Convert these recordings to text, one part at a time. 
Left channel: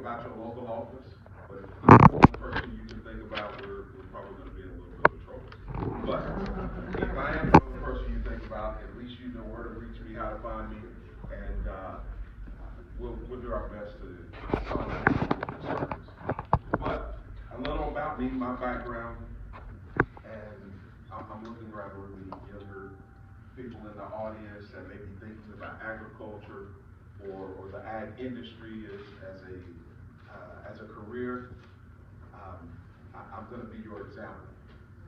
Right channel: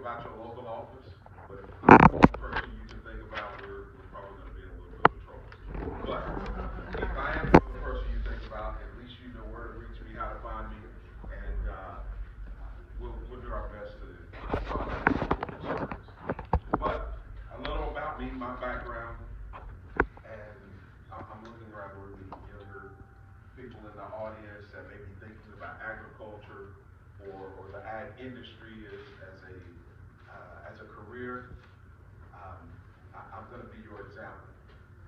about your local office, but if I'm the only person you can think about, we're probably gonna be in a little bit of trouble. But if I am the only person you think about, at least you know where to reach me, how to find me, and, we'll do our best to solve any of your concerns. But a little about me, my background, and I'm looking around where the younger people in the audience that may be thinking about agriculture or the ag industry as a career. I'm going to be your example.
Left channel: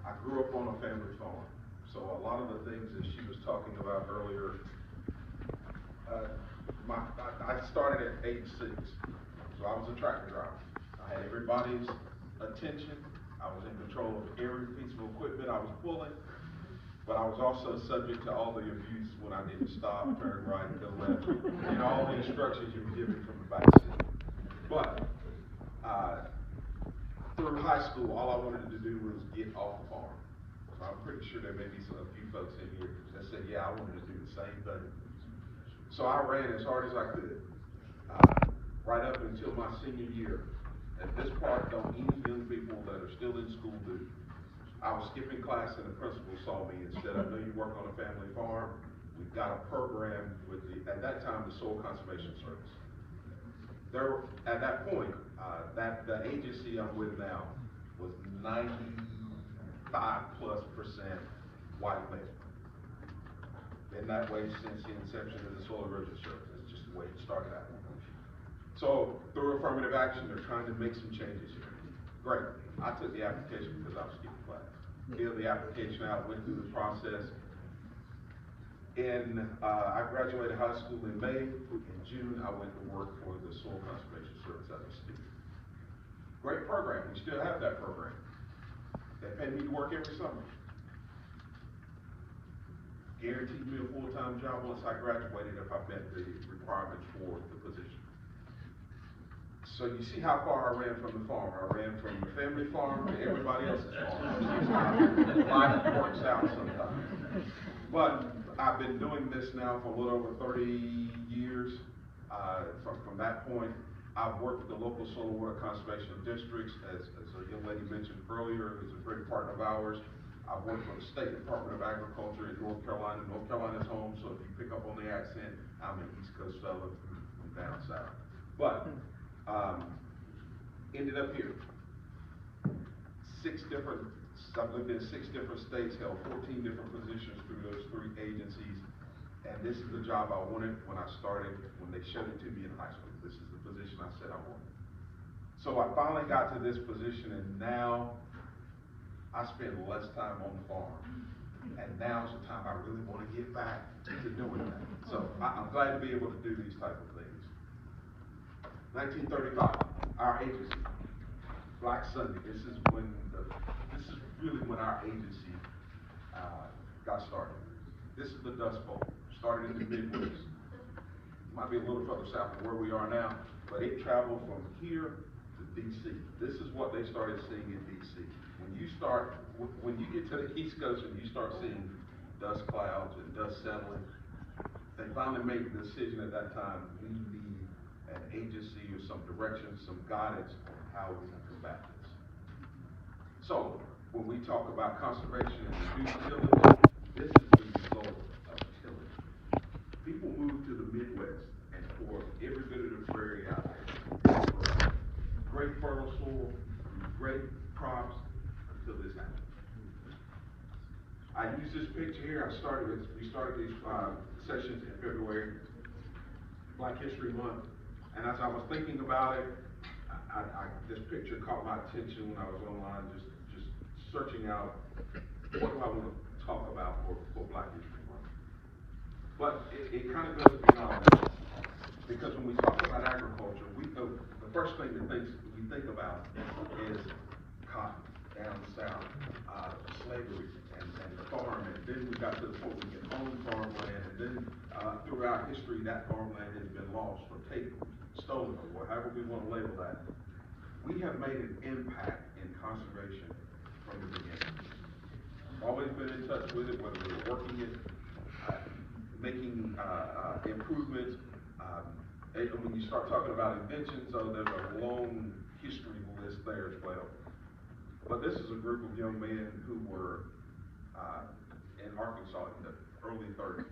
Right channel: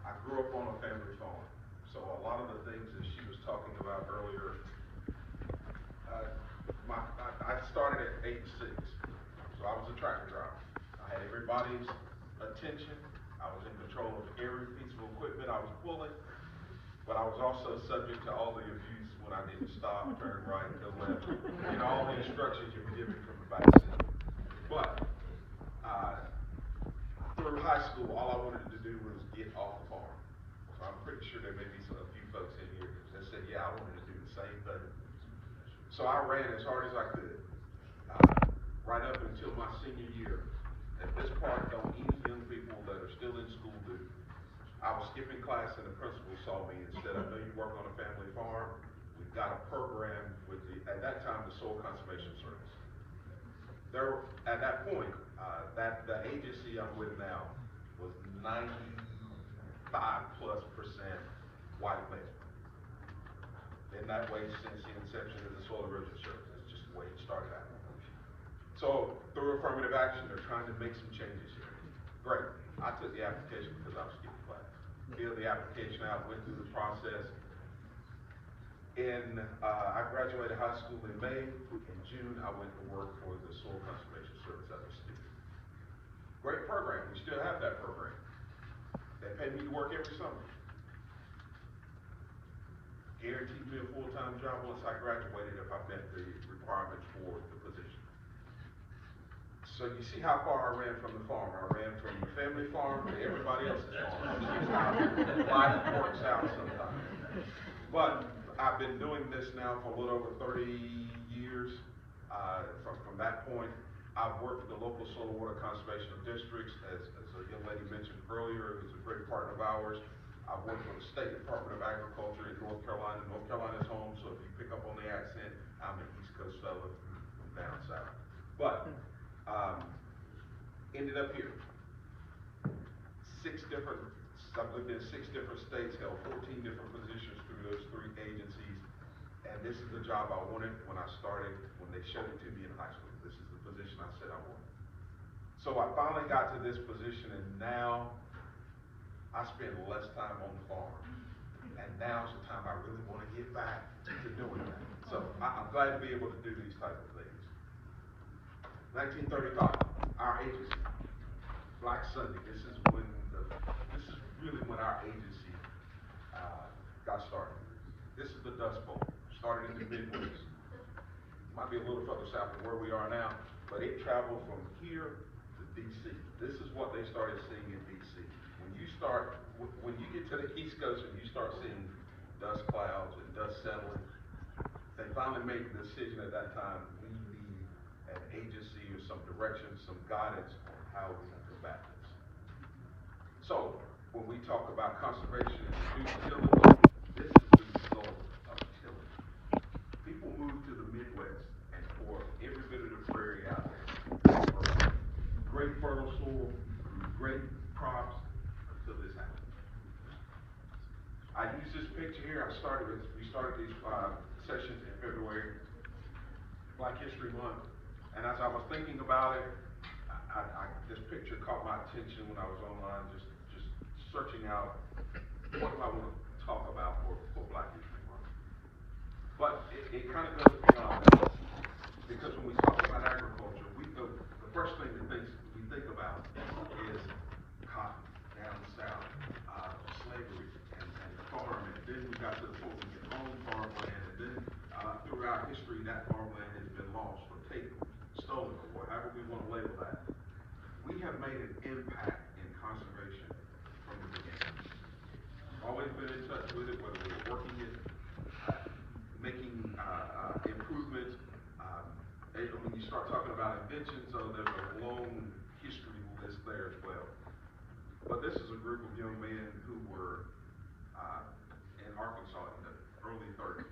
I grew up on a family farm, so a lot of the things that she was talking about earlier, I started at age 6, so I was a tractor driver. I had everybody's attention. I was in control of every piece of equipment I was pulling, but I was also subject to all the abuse when I didn't stop, turn right, go left, and all the instructions you were giving from the back seat. But through high school, all I wanted to do was get off the farm. So I'm pretty sure there may be a few folks in here that said, yeah, I wanted to do the same thing. So I ran as hard as I could, right up until my senior year. At this part, don't any young people that are still in school do. I was skipping class and the principal saw me and said, I know you work on a family farm. We've got a program with at that time, the Soil Conservation Service. At that point, the agency I'm with now was 95+% white male. Been that way since the inception of the Soil Erosion Service. It's just the way it started out. So through affirmative action, they're trying to make some changes here. Great. I took the application because I was skipping class. Filled the application out, went through the process. I graduated high school in May. In June, I went to work for the Soil Conservation Service as a student. Great program. We still have that program. They paid me to work every summer. Guaranteed me a full-time job once I graduated if I met the requirements for the position. So you see how far I ran from the farm. I ran from the family farm to everybody else's farm. Life works out sometimes. But I've been doing this now for a little over 30 years. From that point, I've worked with the local soil and water conservation districts, as a young lady mentioned earlier, who's a great partner of ours. I've worked with the State Department of Agriculture in North Carolina. North Carolina's home, so if you pick up on the accent, I'm an East Coast fella from down south. But ended up here. I've lived in 6 different states, held 14 different positions through those 3 agencies, and this is the job I wanted when I started, when they showed it to me in high school. This is the position I said I wanted. So I finally got to this position, and now I spend less time on the farm. And now's the time I really want to get back to doing that. So I'm glad to be able to do these type of things. 1935, our agency, Black Sunday. This is really when our agency got started. This is the Dust Bowl. Started in the Midwest. Might be a little further south of where we are now, but it traveled from here to DC. This is what they started seeing in DC. When you get to the East Coast and you start seeing dust clouds and dust settling, they finally made the decision at that time, we need an agency or some direction, some guidance on how we can combat this. So when we talk about conservation and reduced tillage, this is the result of tillage. People move to the Midwest and pour every bit of the prairie out there. Great fertile soil, great crops until this happened. I use this picture here. We started these sessions in February, Black History Month, and as I was thinking about it, this picture caught my attention when I was online, just searching out what do I want to talk about for Black History Month. But it kind of goes beyond that, because when we talk about agriculture, the first thing that we think about is cotton down south, slavery, and the farm, and then we got to the point we can own farmland, and then throughout history that farmland has been lost or taken, stolen, or however we want to label that. We have made an impact in conservation from the beginning. We've always been in touch with it, whether we're working it, making improvements, when you start talking about inventions, there's a long history list there as well. But this is a group of young men who were uh, in Arkansas in the early 30s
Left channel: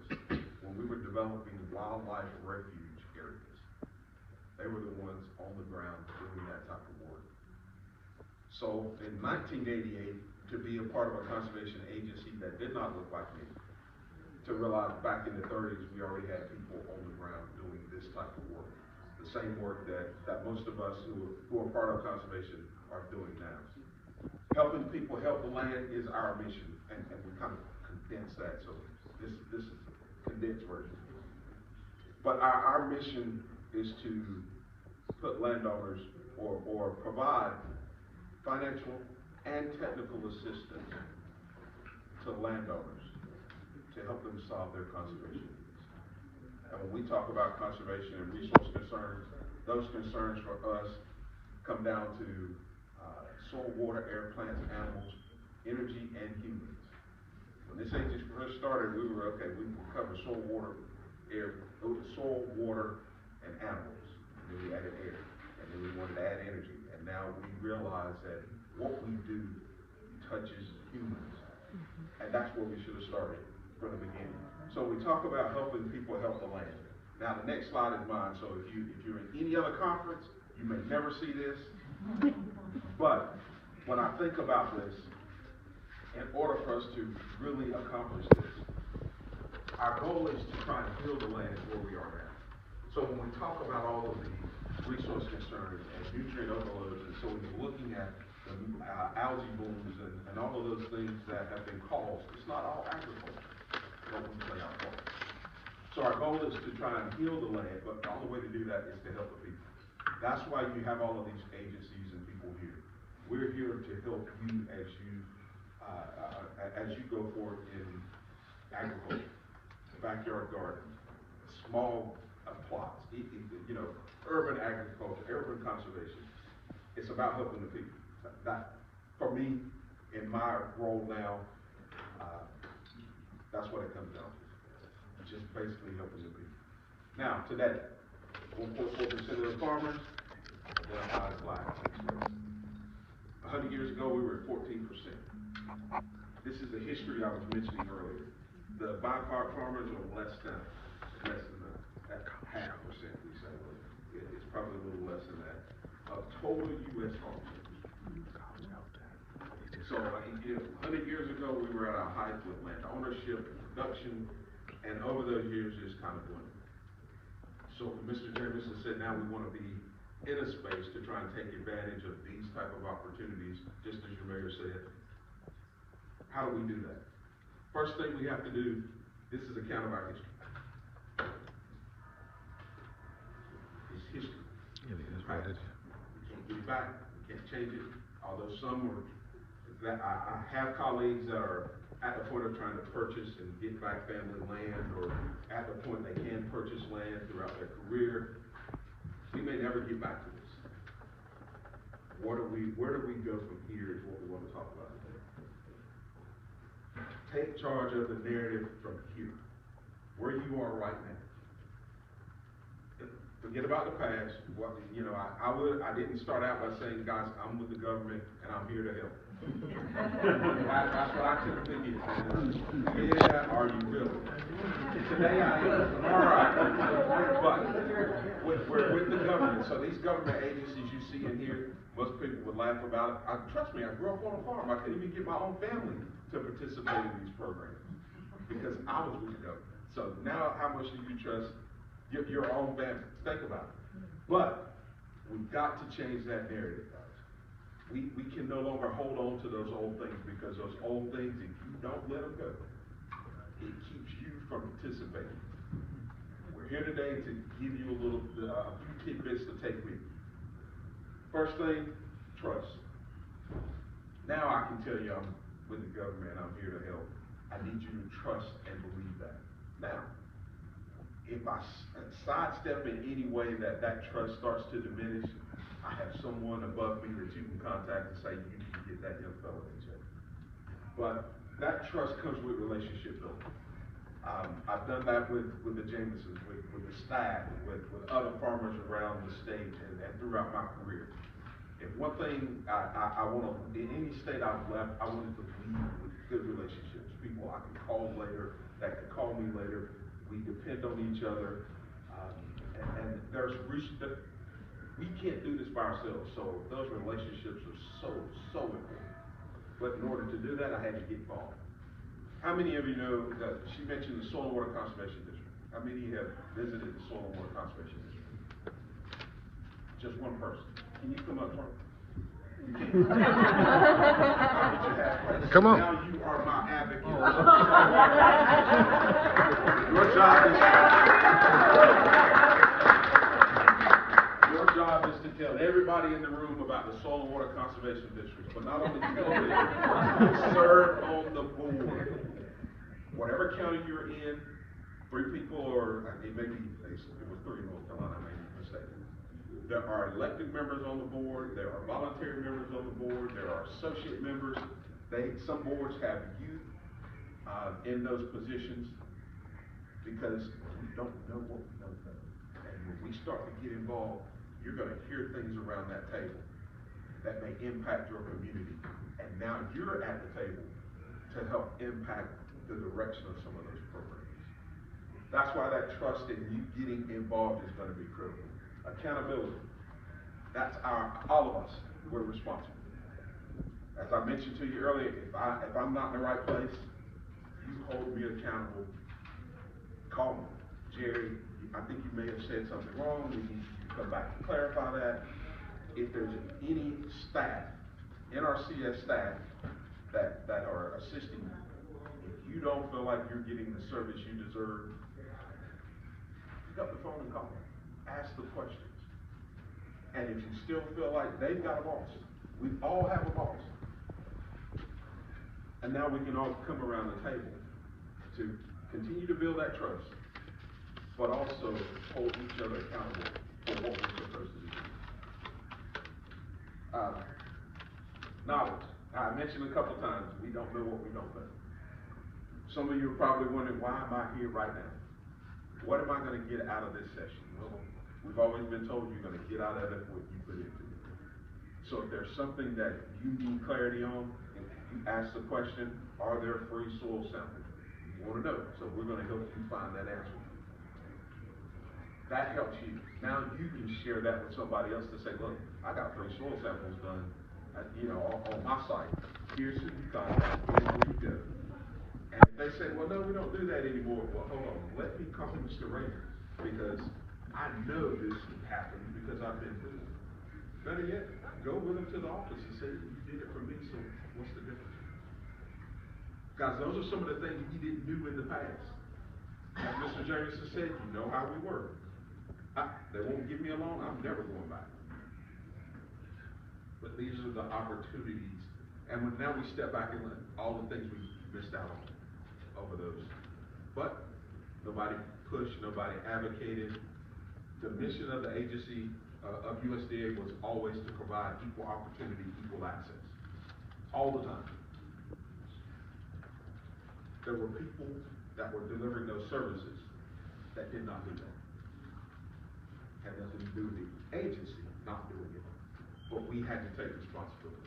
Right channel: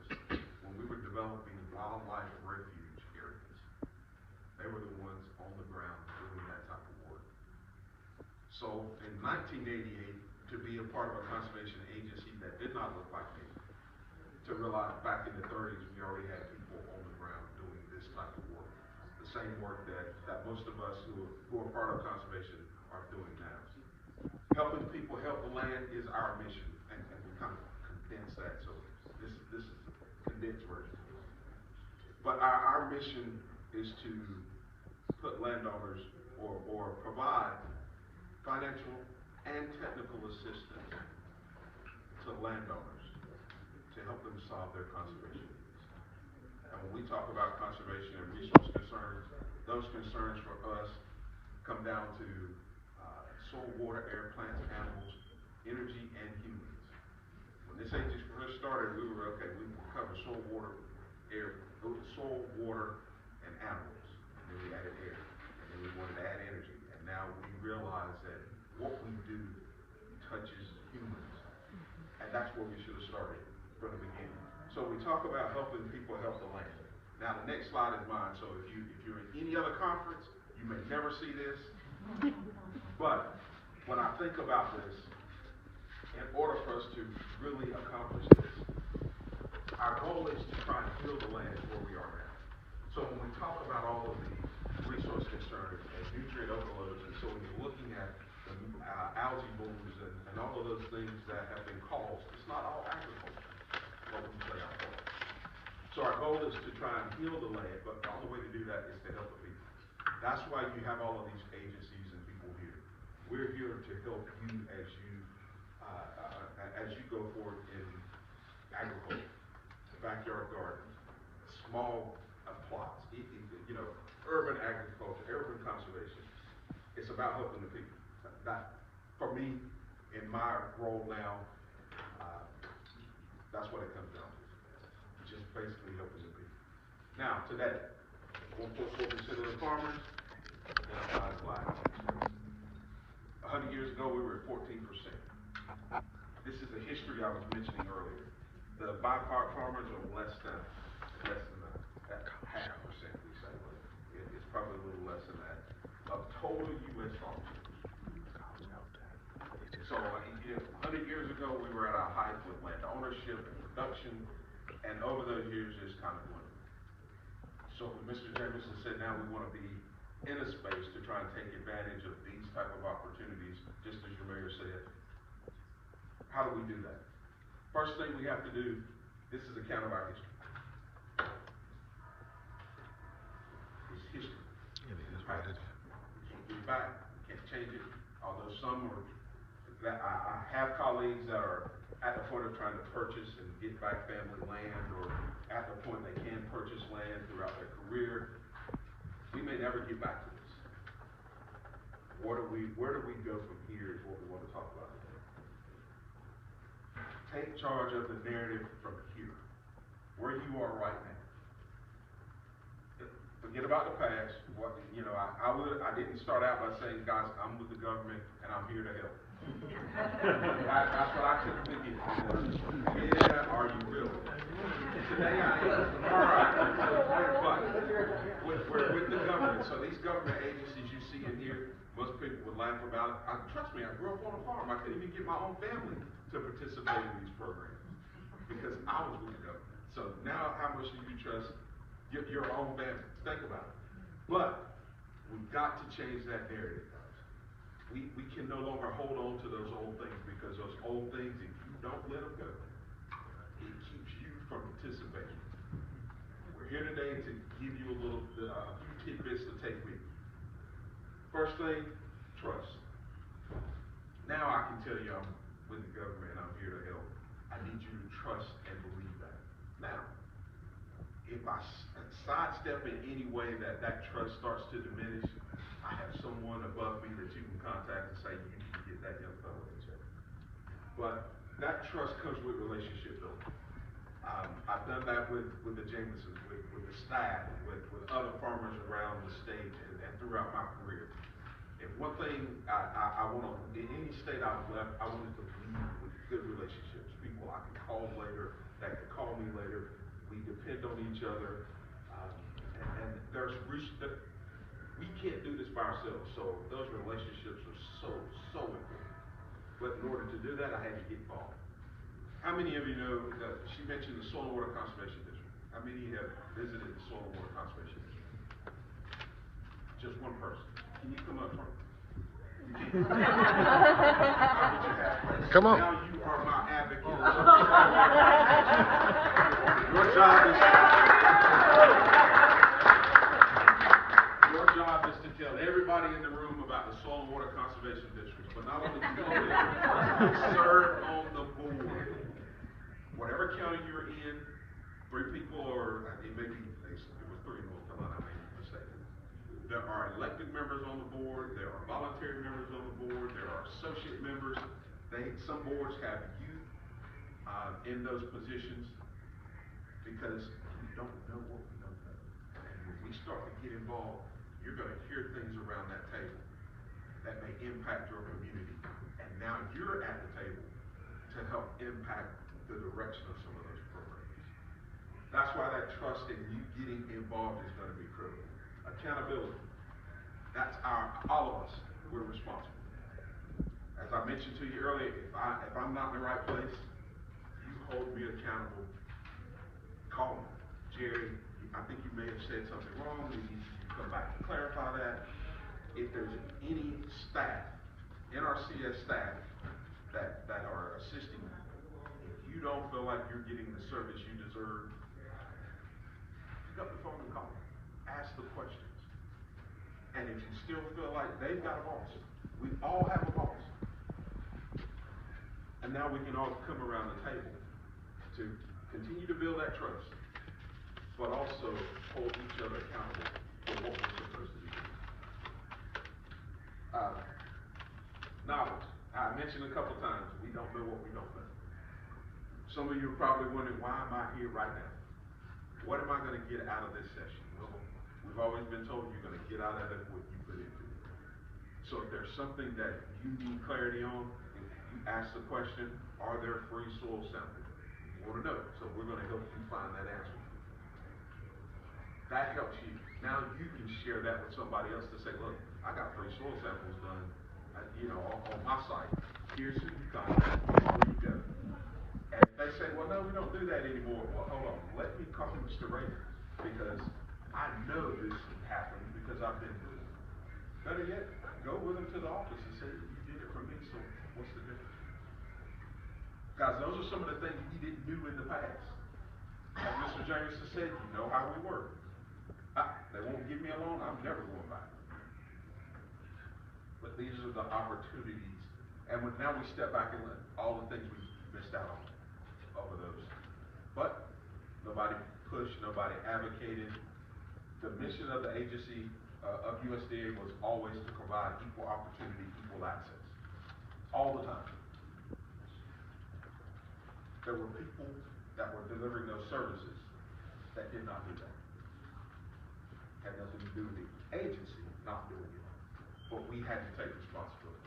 when we were developing wildlife refuge areas. They were the ones on the ground doing that type of work. So in 1988, to be a part of a conservation agency that did not look like me, to realize back in the 30s we already had people on the ground doing this type of work. The same work that most of us who are part of conservation are doing now. Helping people help the land is our mission, and we kind of condense that, so this is a condensed version. But our mission is to put landowners or provide financial and technical assistance to landowners to help them solve their conservation needs. And when we talk about conservation and resource concerns, those concerns for us come down to soil, water, air, plants, animals, energy, and humans. When this agency first started, we would cover soil, water, air, soil, water, and animals. And then we added air. And then we wanted to add energy. And now we realize that what we do touches humans. And that's where we should have started from the beginning. So we talk about helping people help the land. Now the next slide is mine. So if you're in any other conference, you may never see this. But when I think about this, in order for us to really accomplish this, our goal is to try and heal the land where we are now. So when we talk about all of these resource concerns and nutrient overloads, and so when you're looking at the algae blooms and all of those things that have been caused, it's not all agriculture that we play our part. So our goal is to try and heal the land, but the only way to do that is to help the people. That's why you have all of these agencies and people here. We're here to help you as you go forward in agriculture, backyard gardens, small plots, urban agriculture, urban conservation. It's about helping the people. That, for me, in my role now, that's what it comes down to. Just basically helping the people. Now, today, 1.4% of the farmers identify as Black. 100 years ago, we were at 14%. This is the history I was mentioning earlier. The byproduct farmers are less than that half percent, we say. It's probably a little less than that of total U.S. farmers. So 100 years ago, we were at our height with land ownership and production, and over those years, it's kind of dwindled. So Mr. Jameson said now we want to be in a space to try and take advantage of these type of opportunities, just as your mayor said. How do we do that? First thing we have to do, this is account of our history. It's history. It's past. We can't get it back. We can't change it. Although some were, I have colleagues that are at the point of trying to purchase and get back family land, or at the point they can purchase land throughout their career. We may never get back to this. Where do we go from here is what we want to talk about today. Take charge of the narrative from here, where you are right now. Forget about the past. I didn't start out by saying, guys, I'm with the government and I'm here to help. That's what I couldn't forget. Yeah, are you really? Today I am. All right. But we're with the government. So these government agencies you see in here, most people would laugh about it. Trust me, I grew up on a farm. I couldn't even get my own family to participate in these programs because I was with the government. So now how much do you trust your own family? Think about it. But we've got to change that narrative, guys. We can no longer hold on to those old things, because those old things, if you don't let them go, it keeps you from participating. We're here today to give you a few tidbits to take with you. First thing, trust. Now I can tell you I'm with the government, I'm here to help. I need you to trust and believe that. Now, if I sidestep in any way that trust starts to diminish, I have someone above me that you can contact and say, you need to get that young fellow in check. But that trust comes with relationship building. I've done that with the Jamesons, with the staff, with other farmers around the state and throughout my career. If one thing I want to, in any state I've left, I wanted to lead with good relationships. People I can call later, that can call me later. We depend on each other. And there's we can't do this by ourselves. So those relationships are so important. But in order to do that, I had to get involved. How many of you know that she mentioned the Soil and Water Conservation District? How many of you have visited the Soil and Water Conservation District? Just one person. Can you come up front? You can't. Come on. Now you are my advocate. Your job is to tell everybody in the room about the Soil and Water Conservation District. But not only do you go there, serve on the board. Whatever county you're in, 3 people, or it may be, it was 3 in North Carolina, I made a mistake. There are elected members on the board, there are voluntary members on the board, there are associate members. Some boards have youth in those positions because we don't know what we don't know. And when we start to get involved, you're going to hear things around that table that may impact your community. And now you're at the table to help impact the direction of some of those programs. That's why that trust in you getting involved is going to be critical. Accountability. That's all of us, we're responsible. As I mentioned to you earlier, if I'm not in the right place, you hold me accountable. Call me. Jerry, I think you may have said something wrong. We need you to come back and clarify that. If there's any staff, NRCS staff, that are assisting you, if you don't feel like you're getting the service you deserve, pick up the phone and call them. Ask the questions. And if you still feel like they've got a boss, we all have a boss. And now we can all come around the table to continue to build that trust, but also hold each other accountable for what we're supposed to be doing. Knowledge. I mentioned a couple times, we don't know what we don't know. Some of you are probably wondering, why am I here right now? What am I going to get out of this session? Well, we've always been told you're going to get out of it what you put into it. So if there's something that you need clarity on, if you ask the question, are there free soil samples? You want to know. So we're going to help you find that answer. That helps you. Now you can share that with somebody else to say, look, I got free soil samples done, on my site. Here's who you contact. Here's where you go. And if they say, well, no, we don't do that anymore. Well, hold on. Let me call Mr. Raynor, because I know this happened because I've been through it. Better yet, go with him to the office and say, you did it for me, so what's the difference? Guys, those are some of the things you didn't do in the past. As Mr. Jameson said, you know how we work. They won't give me a loan, I'm never going back. But these are the opportunities. And now we step back and look all the things we missed out on over those. But nobody pushed, nobody advocated. The mission of the agency of USDA was always to provide equal opportunity, equal access. All the time. There were people that were delivering those services that did not do that. Had nothing to do with the agency not doing it. But we had to take responsibility.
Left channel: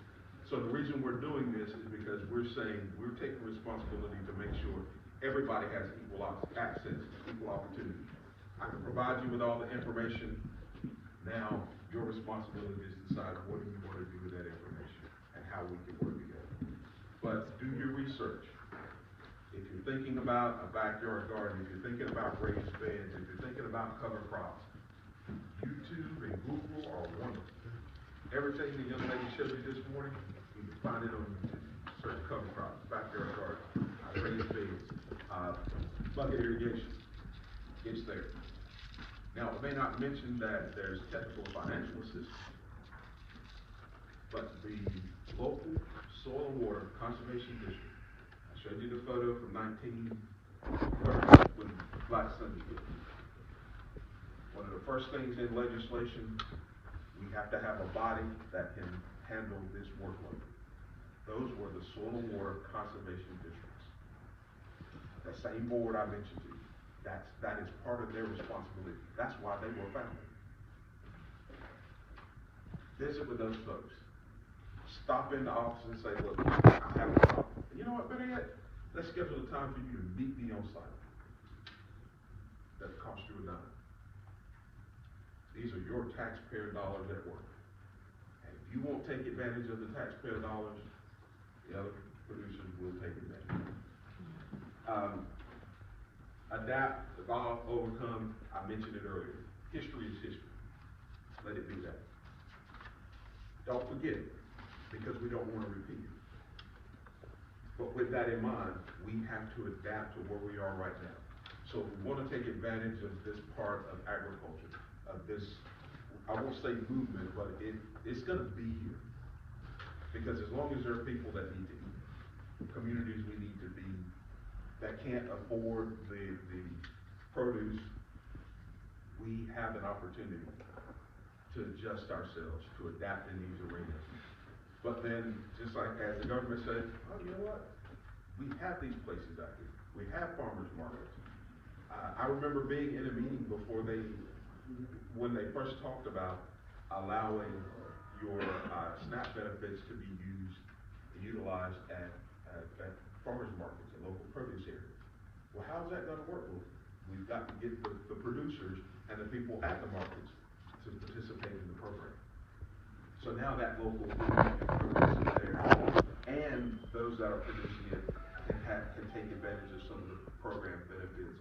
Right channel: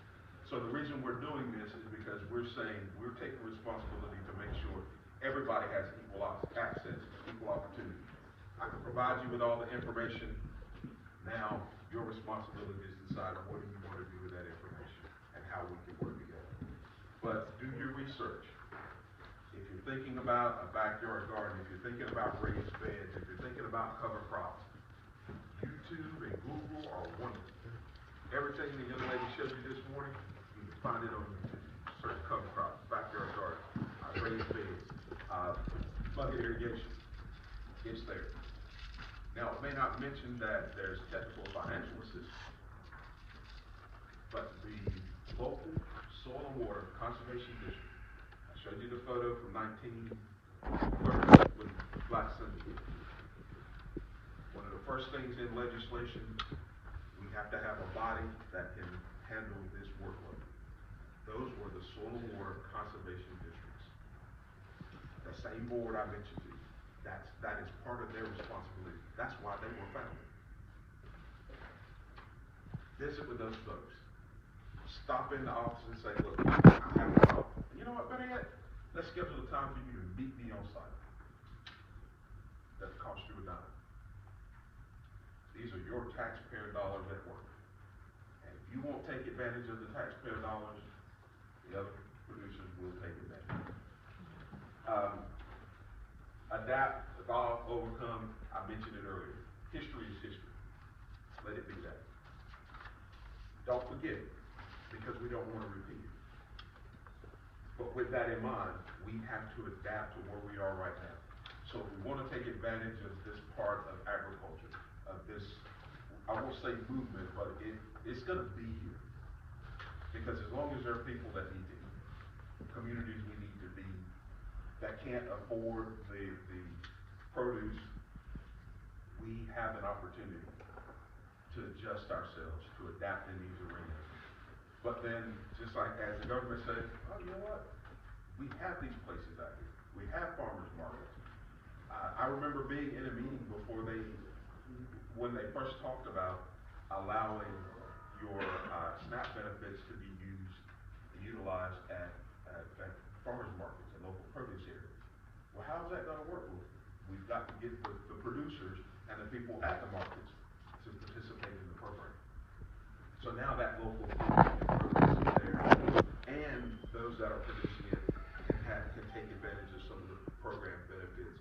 So the reason we're doing this is because we're saying we're taking responsibility to make sure everybody has equal access, equal opportunity. I can provide you with all the information. Now your responsibility is to decide what do you want to do with that information and how we can work together. But do your research. If you're thinking about a backyard garden, if you're thinking about raised beds, if you're thinking about cover crops, YouTube and Google are wonderful. Everything the young lady showed you this morning, you can find it on YouTube. Search cover crops, backyard garden, raised beds, bucket irrigation. It's there. Now, it may not mention that there's technical financial assistance, but the local Soil and Water Conservation District, I showed you the photo from 1930 when Black Sunday did. One of the first things in legislation, we have to have a body that can handle this workload. Those were the Soil and Water Conservation Districts. The same board I mentioned to you. That is part of their responsibility. That's why they were founded. Visit with those folks. Stop in the office and say, look, I have a problem. And you know what, better yet, let's schedule a time for you to meet me on site. Doesn't cost you a dime. These are your taxpayer dollars at work. And if you won't take advantage of the taxpayer dollars, the other producers will take advantage. Adapt, evolve, overcome. I mentioned it earlier. History is history. Let it be that. Don't forget it, because we don't want to repeat it. But with that in mind, we have to adapt to where we are right now. So if we want to take advantage of this part of agriculture, of this, I won't say movement, but it's going to be here. Because as long as there are people that need to eat, communities we need to be, that can't afford the produce, we have an opportunity to adjust ourselves, to adapt in these arenas. But then, just like as the government said, oh, you know what? We have these places out here. We have farmers markets. I remember being in a meeting before when they first talked about allowing your SNAP benefits to be utilized at farmers markets and local produce areas. Well, how's that going to work? Well, we've got to get the producers and the people at the markets to participate in the program. So now that local food and produce is there, and those that are producing it can take advantage of some of the program benefits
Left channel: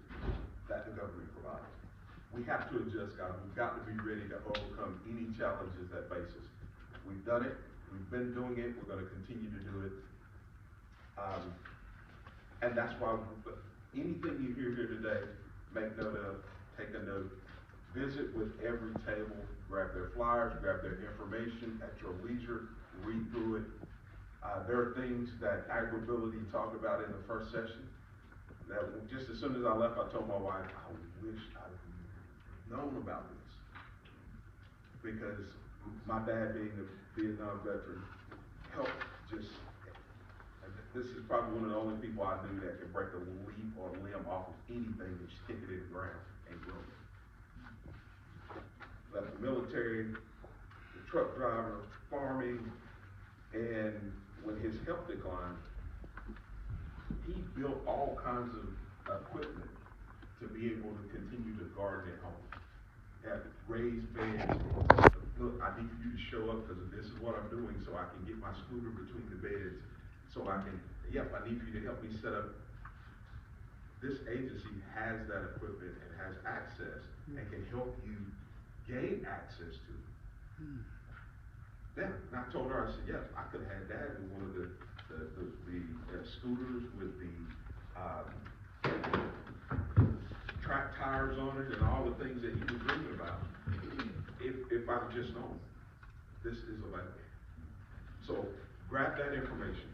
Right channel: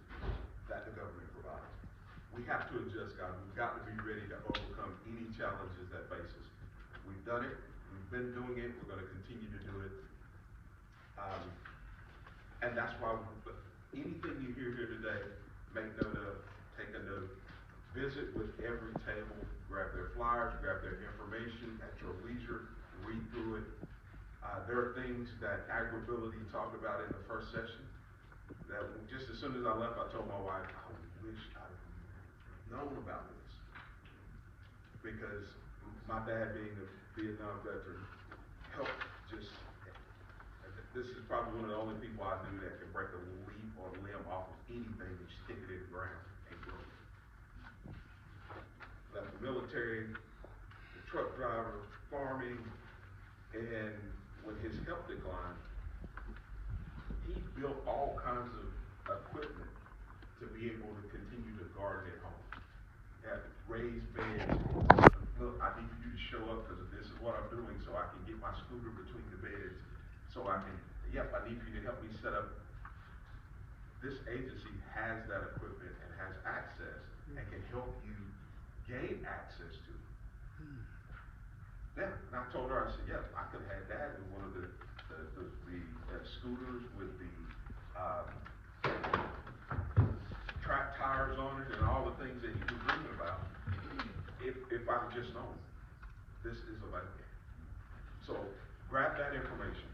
that the government provides. We have to adjust, guys. We've got to be ready to overcome any challenges that face us. We've done it. We've been doing it. We're going to continue to do it. And that's why anything you hear here today, make note of, take a note. Visit with every table, grab their flyers, grab their information at your leisure, read through it. There are things that AgriBility talked about in the first session that just as soon as I left, I told my wife, I wish I'd known about this. Because my dad being a Vietnam veteran helped just, this is probably one of the only people I knew that can break a leaf or a limb off of anything and stick it in the ground and grow it. Left the military, the truck driver, farming, and when his health declined, he built all kinds of equipment to be able to continue to garden at home. Have raised beds. Look, I need you to show up because this is what I'm doing so I can get my scooter between the beds. So I can, I need you to help me set up. This agency has that equipment and has access and can help you gain access to it. Yeah, and I told her, I said, I could have had Dad in one of the scooters with the track tires on it and all the things that he was reading about. If I'd just known, this is available. So grab that information.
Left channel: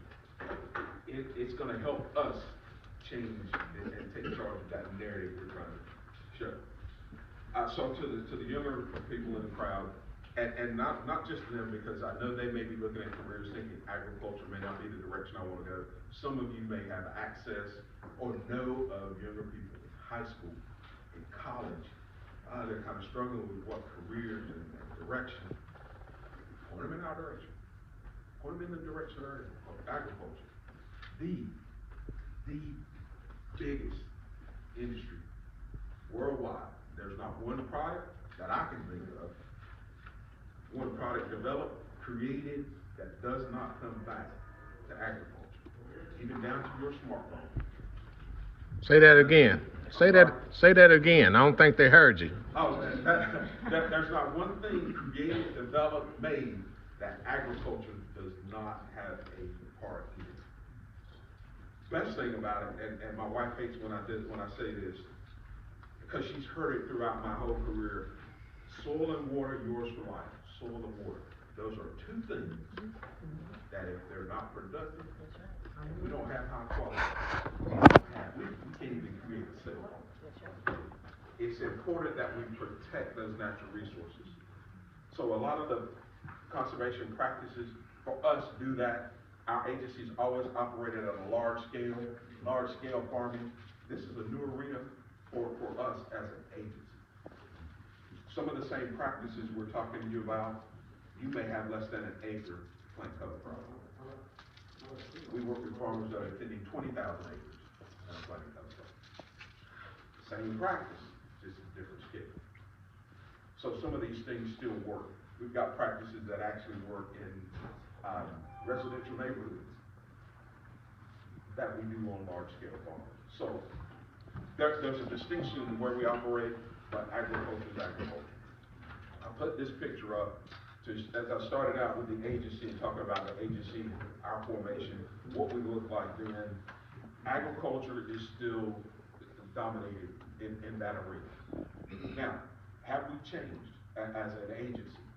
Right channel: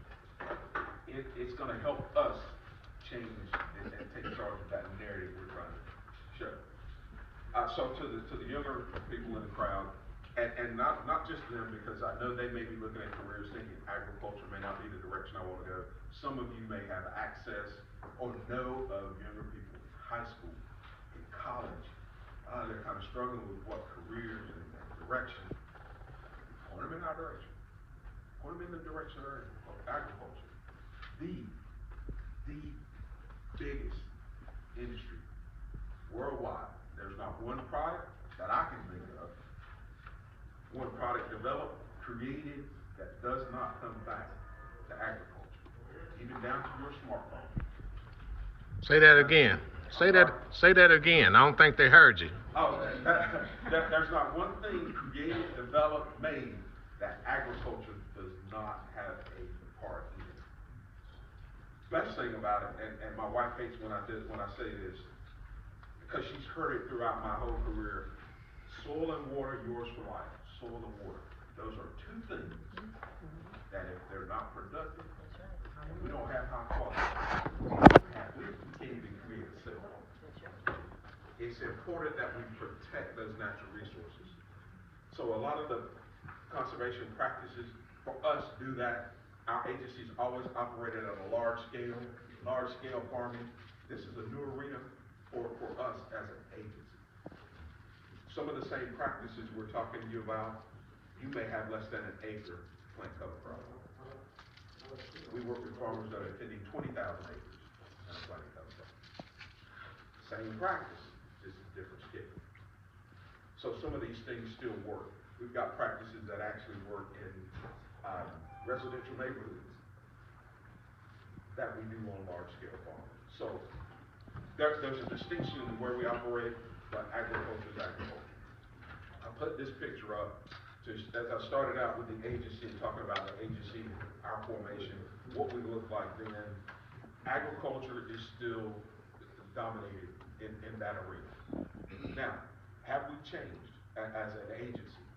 It's going to help us change and take charge of that narrative we're trying to share. So to the younger people in the crowd, and not just them, because I know they may be looking at careers thinking agriculture may not be the direction I want to go. Some of you may have access or know of younger people in high school, in college. They're kind of struggling with what careers and direction. Point them in our direction. Point them in the direction of agriculture. The biggest industry worldwide. There's not one product that I can think of, one product developed, created, that does not come back to agriculture, even down to your smartphone. Say that again. Say that again. I don't think they heard you. Oh, there's not one thing created, developed, made that agriculture does not have a part in it. Best thing about it, and my wife hates when I say this, because she's heard it throughout my whole career. Soil and water, yours for life. Soil and water. Those are two things that if they're not productive, we don't have high quality. We can't even create a cell. It's important that we protect those natural resources. So a lot of the conservation practices for us do that. Our agencies always operated on a large scale farming. This is a new arena for us as an agency. Some of the same practices we're talking to you about, you may have less than an acre plant cover crop. We work with farmers that are tending 20,000 acres and planting cover crop. Same practice, just a different scale. So some of these things still work. We've got practices that actually work in residential neighborhoods that we do on large scale farms. So there's a distinction in where we operate, but agriculture is agriculture. I put this picture up as I started out with the agency and talking about the agency, our formation, what we look like then. Agriculture is still dominated in that arena. Now, have we changed as an agency,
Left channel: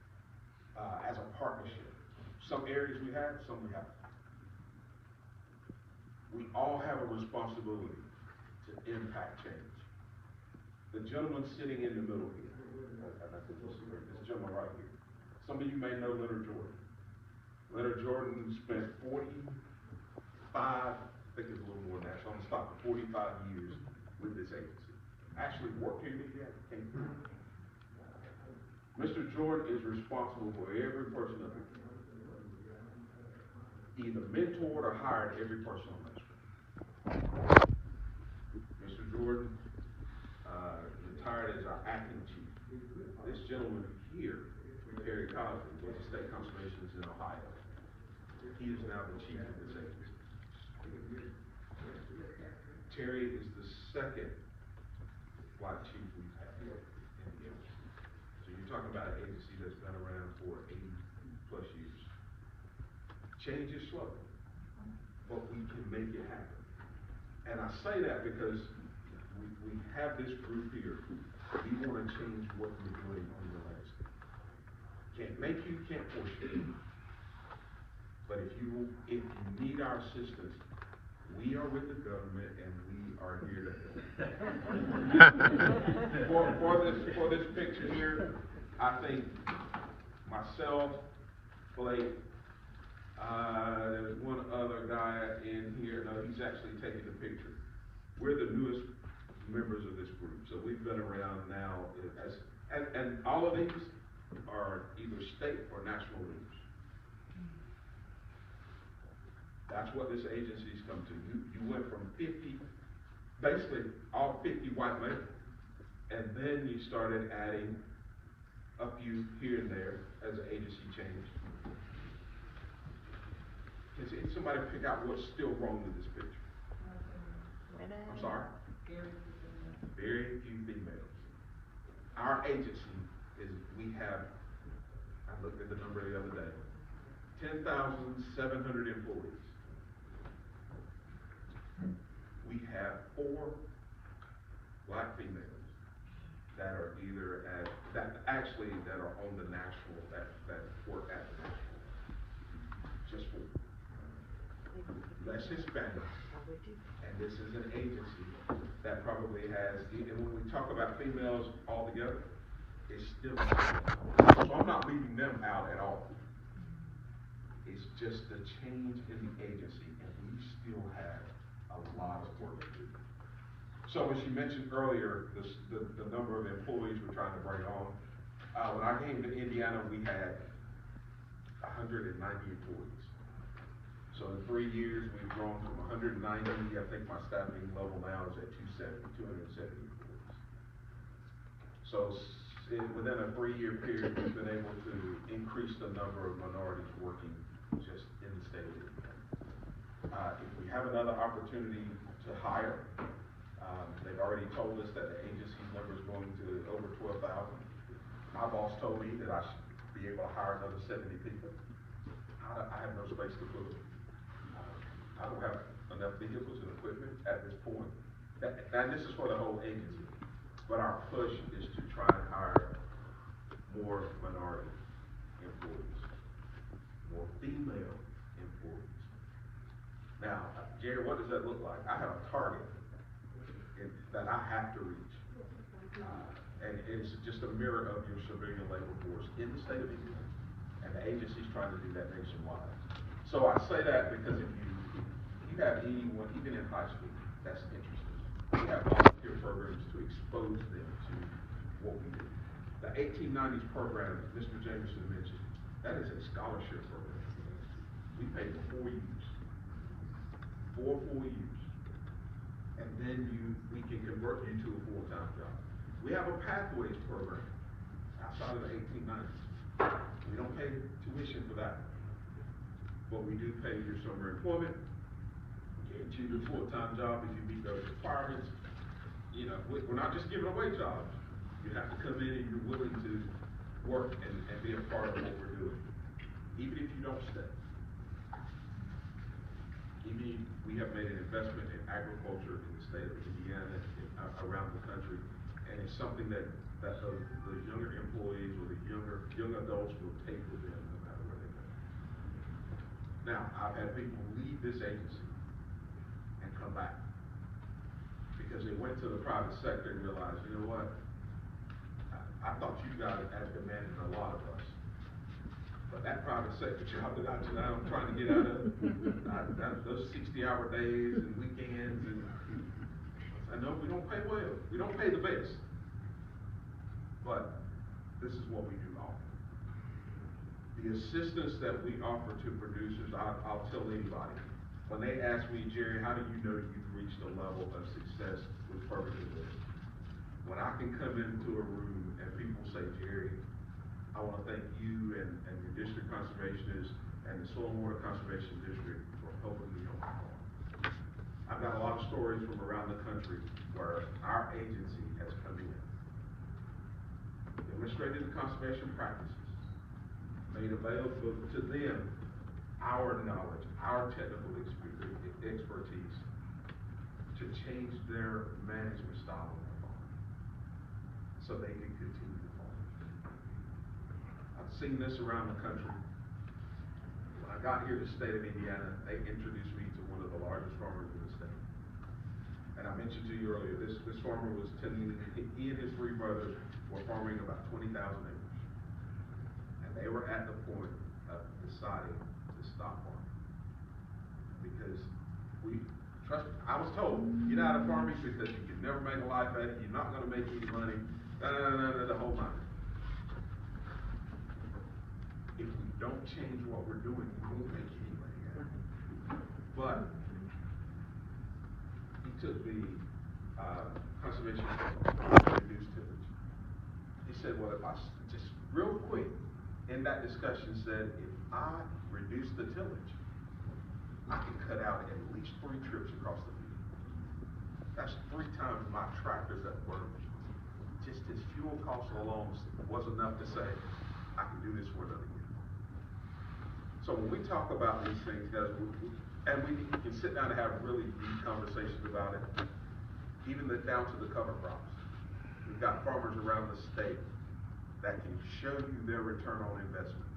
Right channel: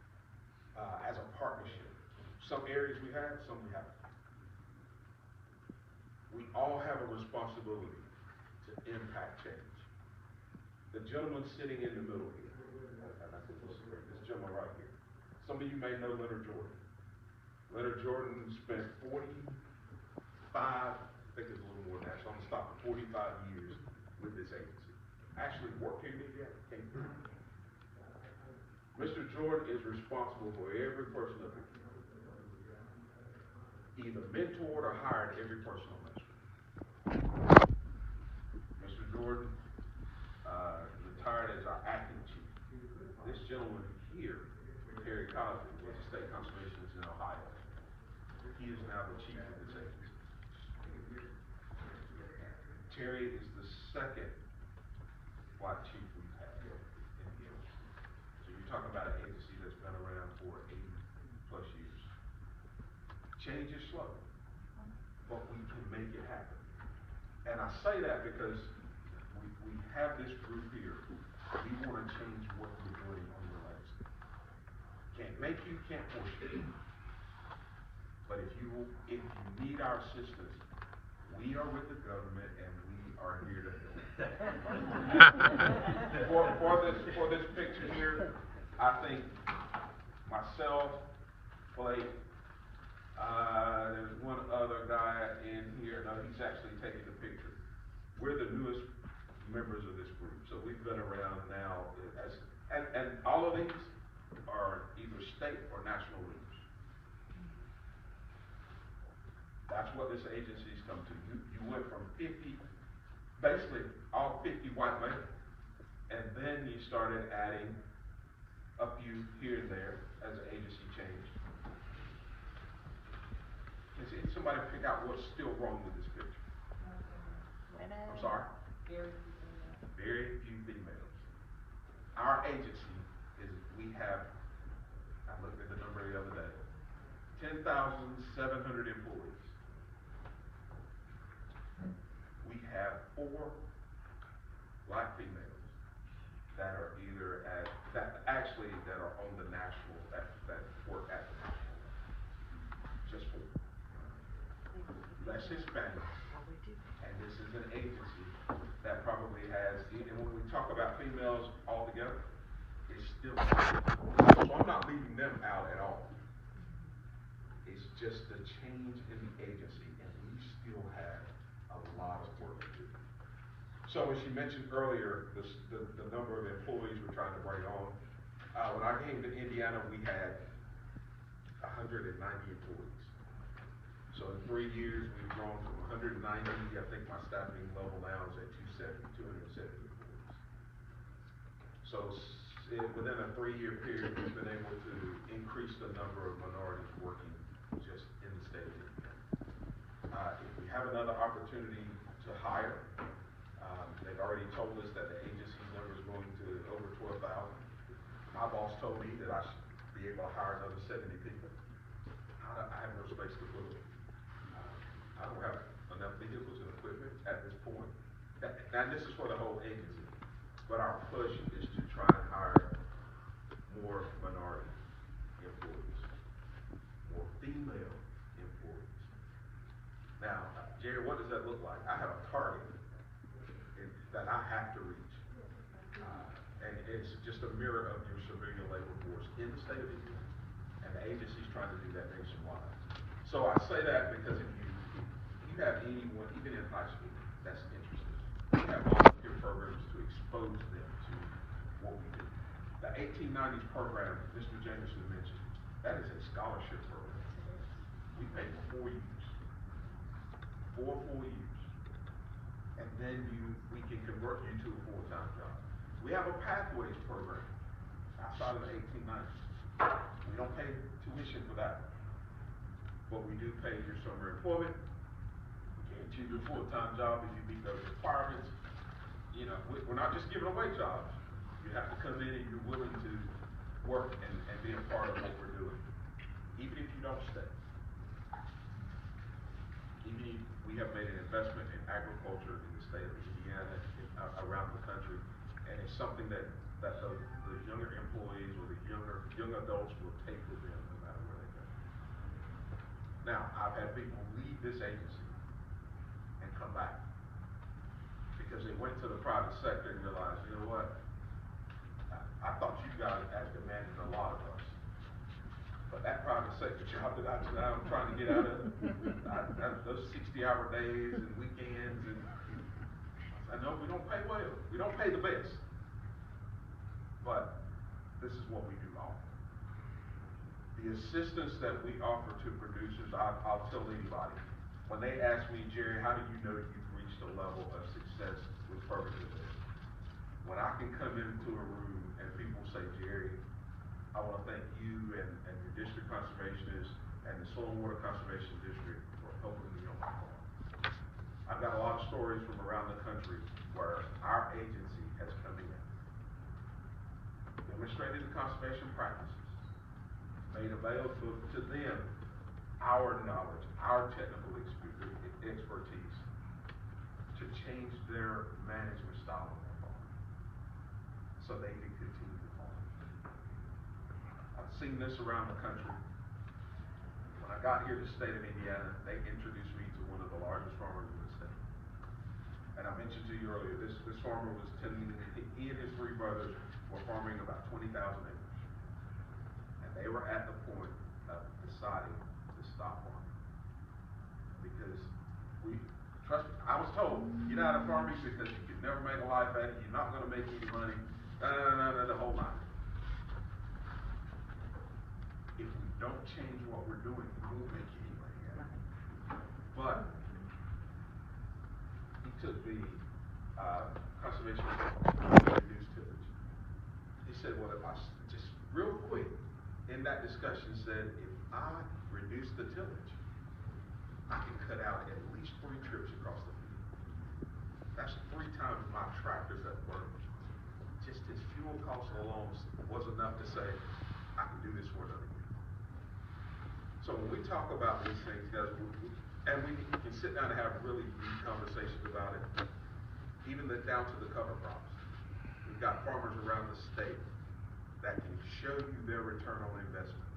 as a partnership? Some areas we have, some we haven't. We all have a responsibility to impact change. The gentleman sitting in the middle here, this gentleman right here. Some of you may know Leonard Jordan. Leonard Jordan spent 45, I think it's a little more than that, so I'm gonna stop at 45 years with this agency. Actually worked here yet, came through. Mr. Jordan is responsible for every person up here. Either mentored or hired every person on this street. Mr. Jordan retired as our acting chief. This gentleman here, Terry Cosby, was a state conservationist in Ohio. He is now the chief of this agency. Terry is the second black chief we've had in the agency. So you're talking about an agency that's been around for 80 plus years. Change is slow, but we can make it happen. And I say that because we have this group here. We want to change what we're doing on the landscape. Can't make you, can't force you. But if you need our assistance, we are with the government and we are here to help. for this picture here, I think myself, Blake, there's one other guy in here. No, he's actually taking the picture. We're the newest members of this group, so we've been around now and all of these are either state or national leaders. That's what this agency's come to. You went from 50, basically all 50 white men, and then you started adding a few here and there as the agency changed. Can somebody pick out what's still wrong with this picture? I'm sorry? Very few females. Our agency we have, I looked at the number the other day, 10,700 employees. We have 4 black females that are either that are on the national, that work at the national. Just 4. Less Hispanics. And this is an agency that probably has, and when we talk about females altogether, it's still, so I'm not leaving them out at all. It's just the change in the agency, and we still have a lot of work to do. So as you mentioned earlier, the number of employees we're trying to bring on. When I came to Indiana, we had 190 employees. So in 3 years, we've grown from 190. I think my staffing level now is at 270 employees. So within a 3-year period, we've been able to increase the number of minorities working just in the state of Indiana. If we have another opportunity to hire, they've already told us that the agency's number is going to over 12,000. My boss told me that I should be able to hire another 70 people. I have no space to put them. I don't have enough vehicles and equipment at this point. And this is for the whole agency. But our push is to try and hire more minority employees, more female employees. Now, Jerry, what does that look like? I have a target that I have to reach. And it's just a mirror of your civilian labor force in the state of Indiana. And the agency's trying to do that nationwide. So I say that because if you have anyone, even in high school, that's interested, we have volunteer programs to expose them to what we do. The 1890s program that Mr. Jameson mentioned, that is a scholarship program. We pay for 4 years. 4 full years. And then we can convert you to a full-time job. We have a pathways program outside of the 1890s. We don't pay tuition for that. But we do pay your summer employment, guarantee you a full-time job if you meet those requirements. You know, we're not just giving away jobs. You have to come in and you're willing to work and be a part of what we're doing. Even if you don't stay. Even if we have made an investment in agriculture in the state of Indiana, around the country, and it's something that the younger employees or the young adults will take with them no matter where they go. Now, I've had people leave this agency and come back because they went to the private sector and realized, you know what, I thought you guys had demanded a lot of us. But that private sector job that I'm trying to get out of, those 60-hour days and weekends, and I know we don't pay well. We don't pay the best. But this is what we do offer. The assistance that we offer to producers, I'll tell anybody. When they ask me, Jerry, how do you know you've reached a level of success with Perfectly Living? When I can come into a room and people say, Jerry, I want to thank you and your district conservationist and the Soil and Water Conservation District for helping me on my farm. I've got a lot of stories from around the country where our agency has come in, demonstrated the conservation practices, made available to them our knowledge, our technical expertise to change their management style on their farm so they can continue to farm. I've seen this around the country. When I got here to the state of Indiana, they introduced me to one of the largest farmers in the state. And I mentioned to you earlier, this farmer was telling me he and his 3 brothers were farming about 20,000 acres. And they were at the point of deciding to stop farming. Because I was told, get out of farming because you can never make a life at it, you're not going to make any money, the whole nine. If we don't change what we're doing, we won't make any money at it. But he took the conservation to reduce tillage. He said, well, if I just real quick in that discussion said, if I reduce the tillage, I can cut out at least 3 trips across the field. That's 3 times my tractors that burn. Just his fuel cost alone was enough to say, I can do this for another year. So when we talk about these things, guys, we can sit down and have really deep conversations about it, even down to the cover crops. We've got farmers around the state that can show you their return on investment.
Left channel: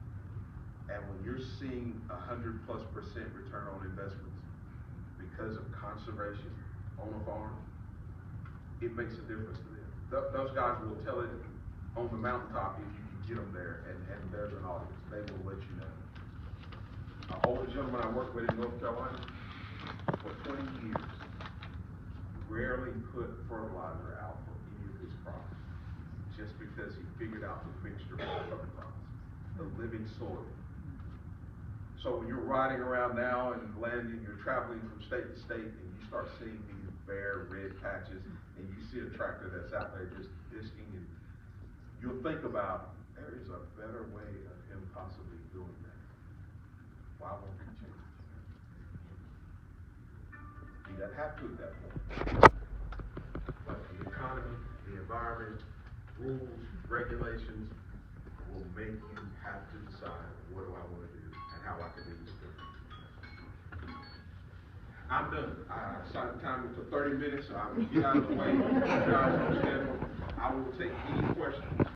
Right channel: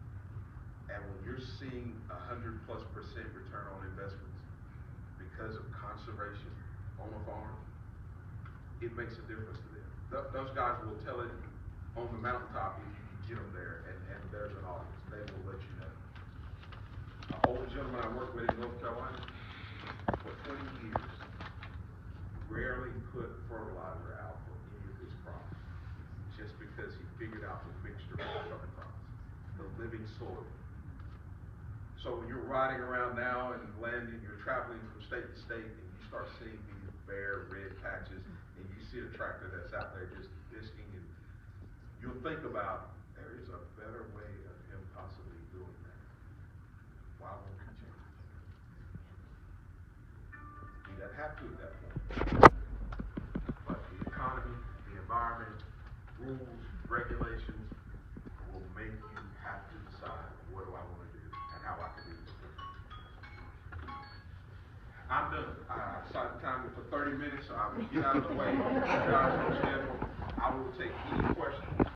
And when you're seeing 100+% return on investments because of conservation on a farm, it makes a difference to them. Those guys will tell it on the mountaintop if you can get them there, and there's an audience. They will let you know. An older gentleman I worked with in North Carolina for 20 years rarely put fertilizer out for any of his crops just because he figured out the mixture of cover crops, the living soil. So when you're riding around now and landing, you're traveling from state to state, and you start seeing these bare red patches, and you see a tractor that's out there just disking, and you'll think about, there is a better way of him possibly doing that. Why won't he change it? He doesn't have to at that point. But the economy, the environment, rules, regulations will make you have to decide, what do I want to do and how I can do this different. I'm done. I assigned time for 30 minutes, so I will get out of the way. You guys understand. I will take any questions.